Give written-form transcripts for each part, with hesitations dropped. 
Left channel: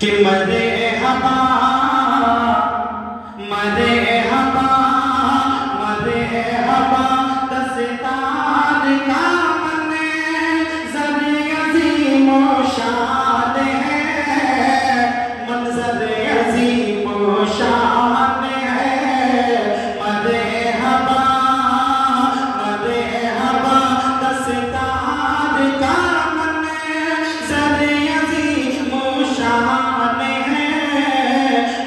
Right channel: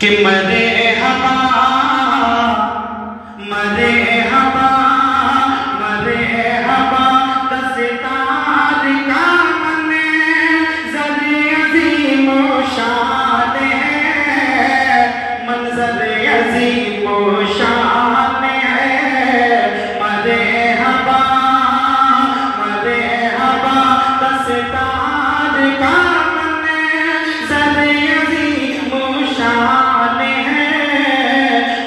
कि मरे हवा मरे हवा मरे हवा दस्तार का मने ज़रे अज़ीम ओ शान है, मंज़र अज़ीम ओ शान है। मरे हवा दस्तार का मने ज़रे अज़ीम ओ शान है,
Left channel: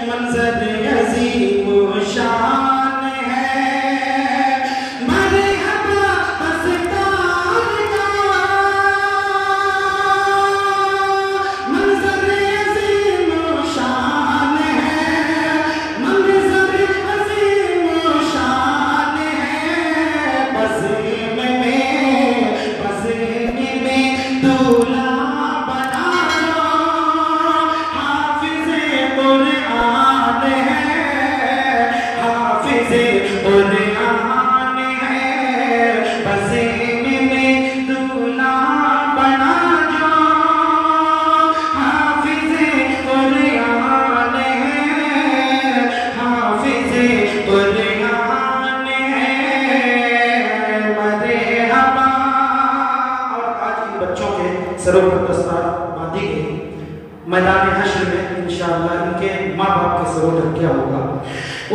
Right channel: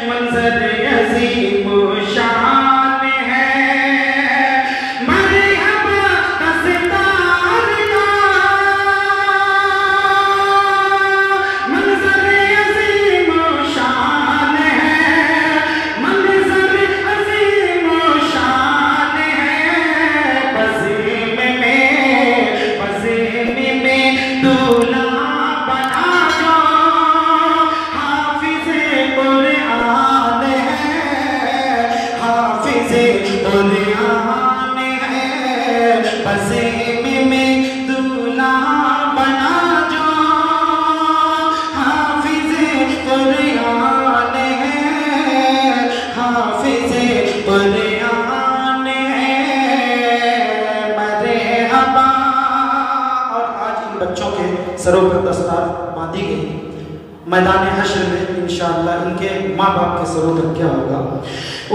मंज़र अज़ीम ओ शान है। मरे हवा दस्तार का मंज़र अज़ीम ओ शान है, मंज़र अज़ीम ओ शान है। बज़ीम में दूल्हा बना लो, हाफ़िज़े कुरान है, हाफ़िज़े कुरान है। बज़ीम में दूल्हा बना जो, हाफ़िज़े कुरान है, हाफ़िज़े कुरान है। मरे हवा। और आज इन बच्चों के सरों पर दस्तार बांधी गई। मैदान हश्र में इंशाअल्लाह इनके माँ बाप के सरों पर क्या होगा?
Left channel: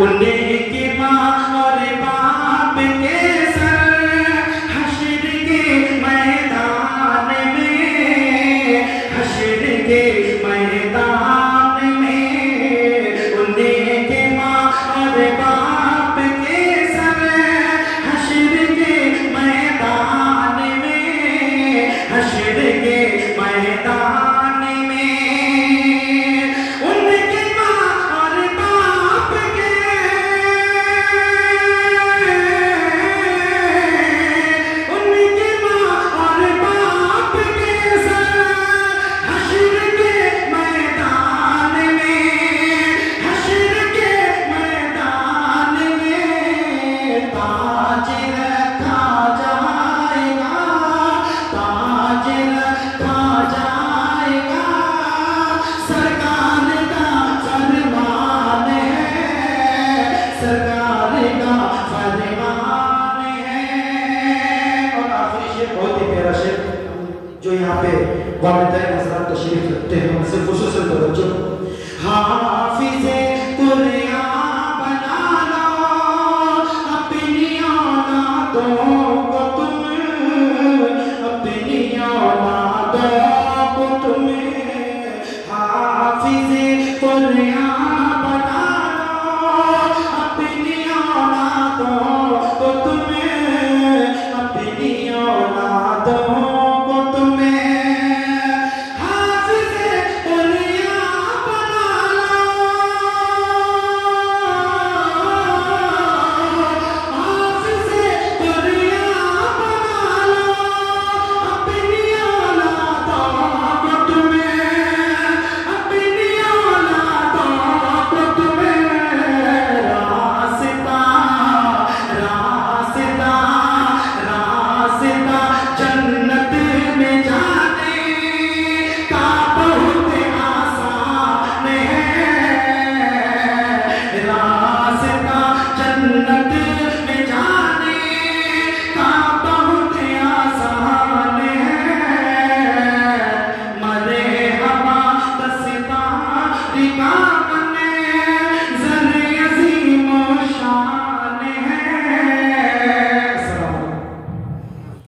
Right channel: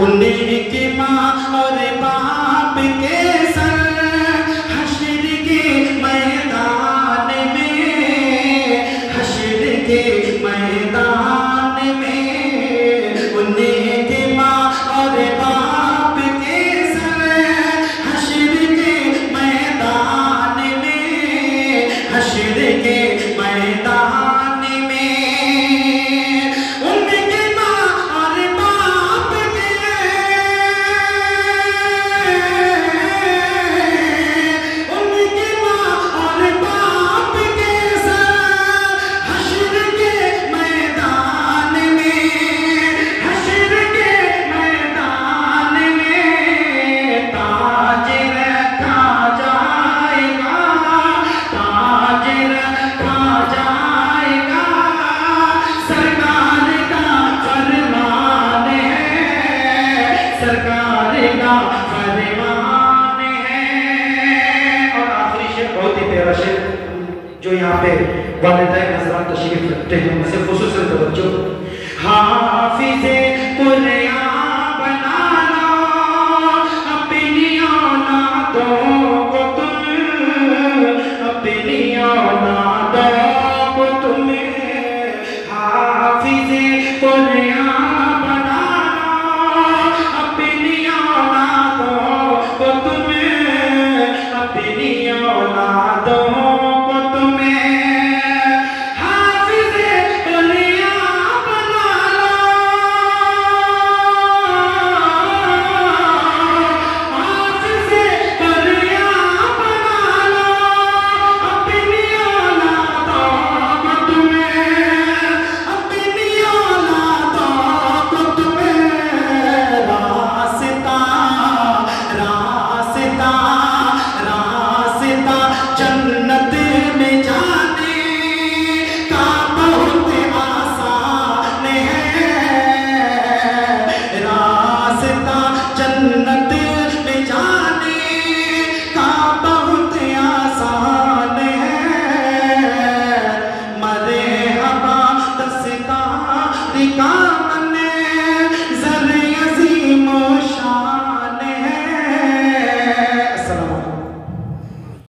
उनके माँ और बाप के सर हश्र के मैदान में, हश्र के मैदान में। उनके माँ और बाप के सर हश्र के मैदान में, हश्र के मैदान में। उनके माँ और बाप के, उनके माँ और बाप के सर हश्र के मैदान में, हश्र के मैदान में। ताज रखा जाएगा, ताज रखा जाएगा, सरकार का फरमान है, सरकार का फरमान है। और आखिरी शेर बहुत ही प्यारा शेर जो यहाँ पे वालिदैन हज़रात तशरीफ रखते हैं, उनसे खुसूसन तवज्जो। हाफ़िज़े कुरान बना लो, अपनी औलादों को तुम, अपनी औलादों को तुम। हाफ़िज़े कुरान बना लो, अपनी औलादों को तुम, अपनी औलादों को तुम। हाफ़िज़े कुरान बना लो, हाफ़िज़े कुरान बना लो, अपनी औलादों को तुम, अपनी औलादों को तुम। रास्ता रास्ता रास्ता जन्नत में जाने का बहुत आसान है, रास्ता जन्नत में जाने का बहुत आसान है। मरे हवा दस्तार का